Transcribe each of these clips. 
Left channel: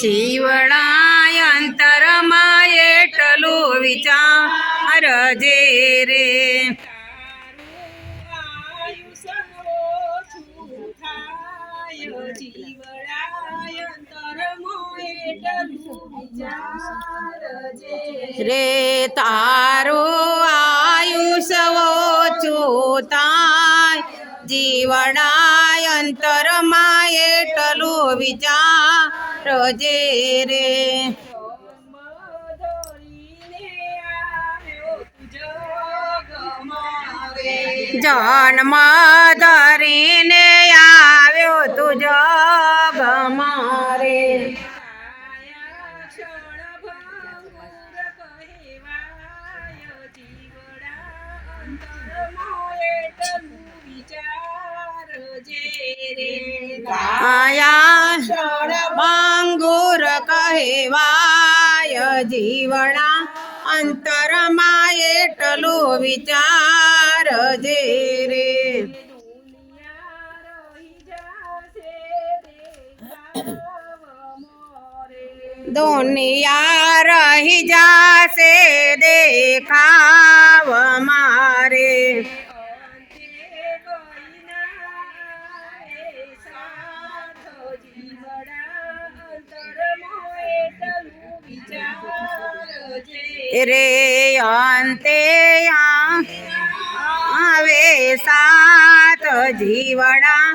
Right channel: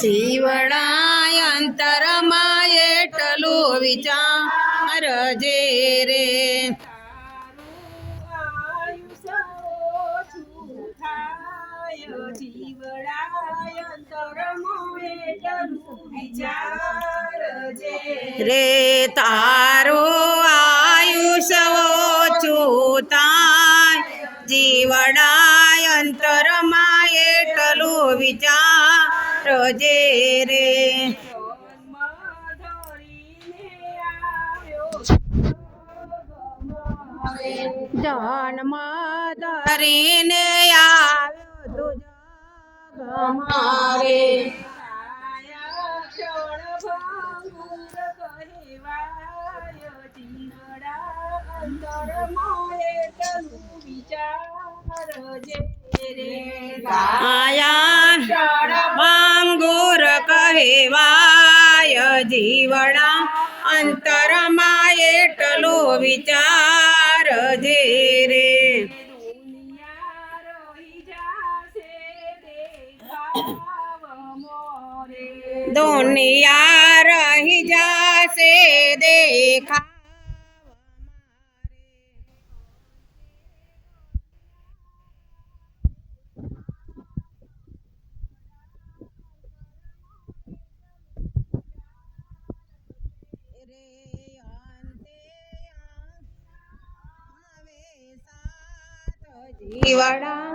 જીવડા અંતરમાં એટલું વિચાર જે રે. રે તારો જે રે. જન્મ ધરીને આવ્યો તુજ ગમારે. આયા ભાંગુર કહેવાય જીવણા અંતરમાં એટલું વિચાર જે રે. દુનિયા રહી જાશે દેખાવ રે અંતે આવે સાત જીવડા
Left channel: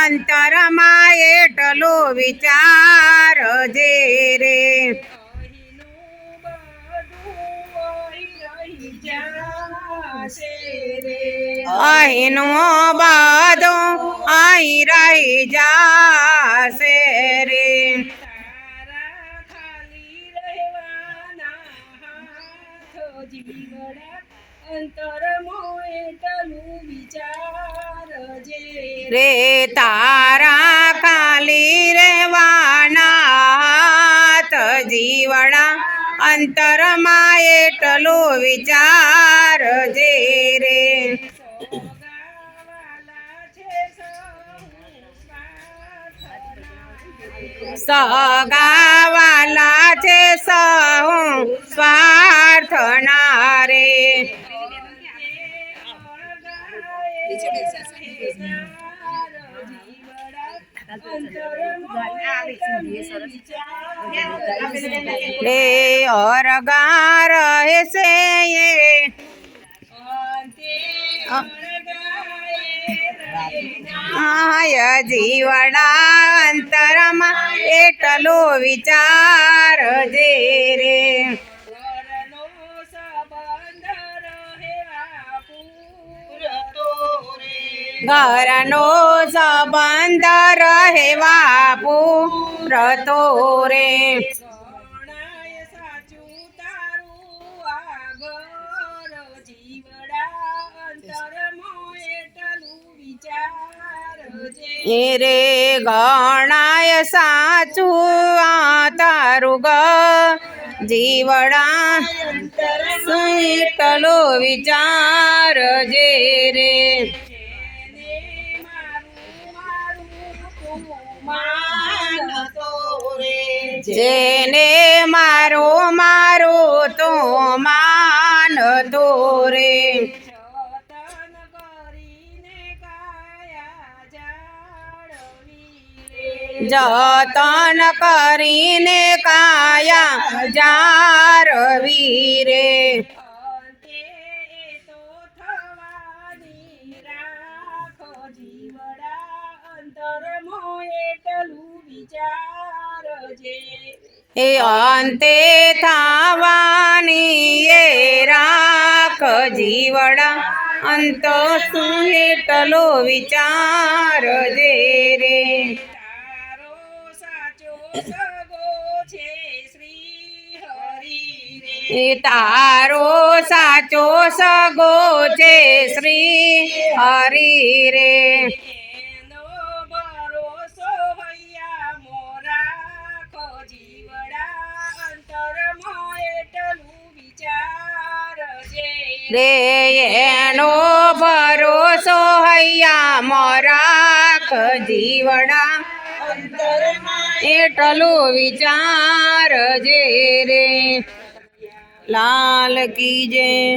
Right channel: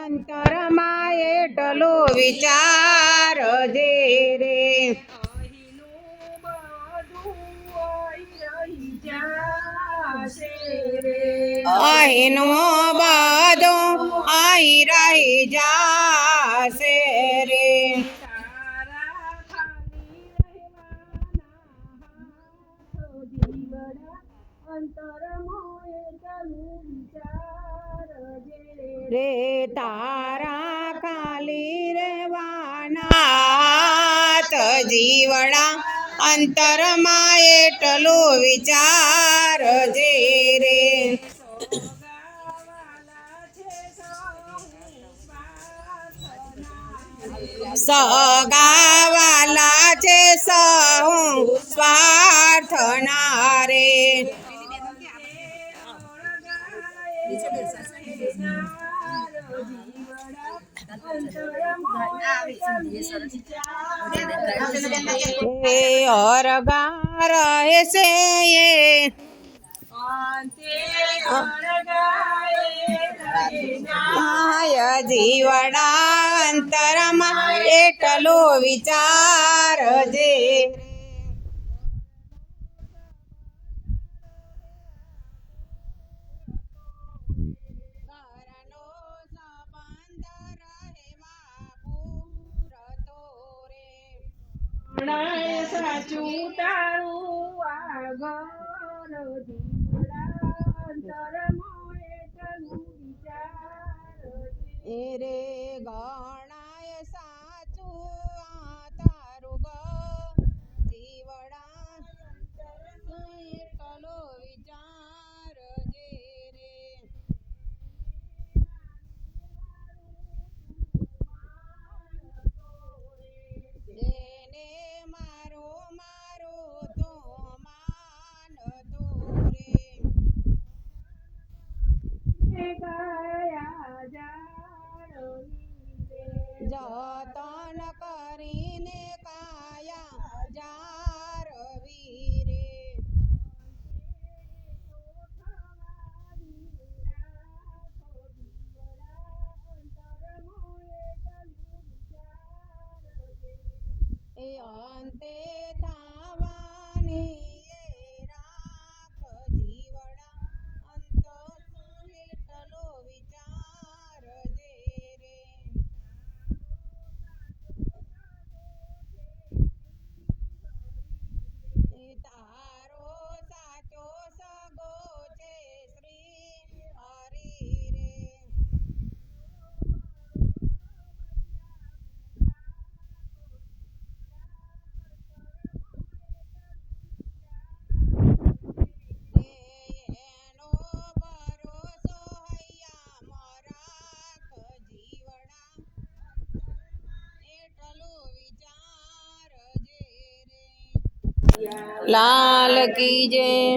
અંતરમાં એટલો વિચાર જે રે. અહીંનું અંતર મોએટલું વિચાર જે રે તારા ખાલી રહેવાના હાથ જીવડા અંતરમાં એટલું વિચાર જે રે સગાવાલા છે સહુ રે અરગા રહેશે એ જીવડા અંતરમાં એટલો વિચાર જે ઘરનો સંબંધ રહેવા પૂરતો રે. રે ગણાય સાચું આ તારું ગ. જીવડા એટલો વિચાર જે રે. જેને મારો મારો તો માનતો રે જતન કરીને કાયા જારવી રે એ અંતે થવાની એ રાખ જીવડા. અંત શું એટલો વિચાર જે રે. એ તારો સાચો સગો છે શ્રી હરિ રે. રે એનો ભરોસો હૈયા મોરા રાખ જીવડા અંતરમાં વિચાર જે રે. લાલ કી જય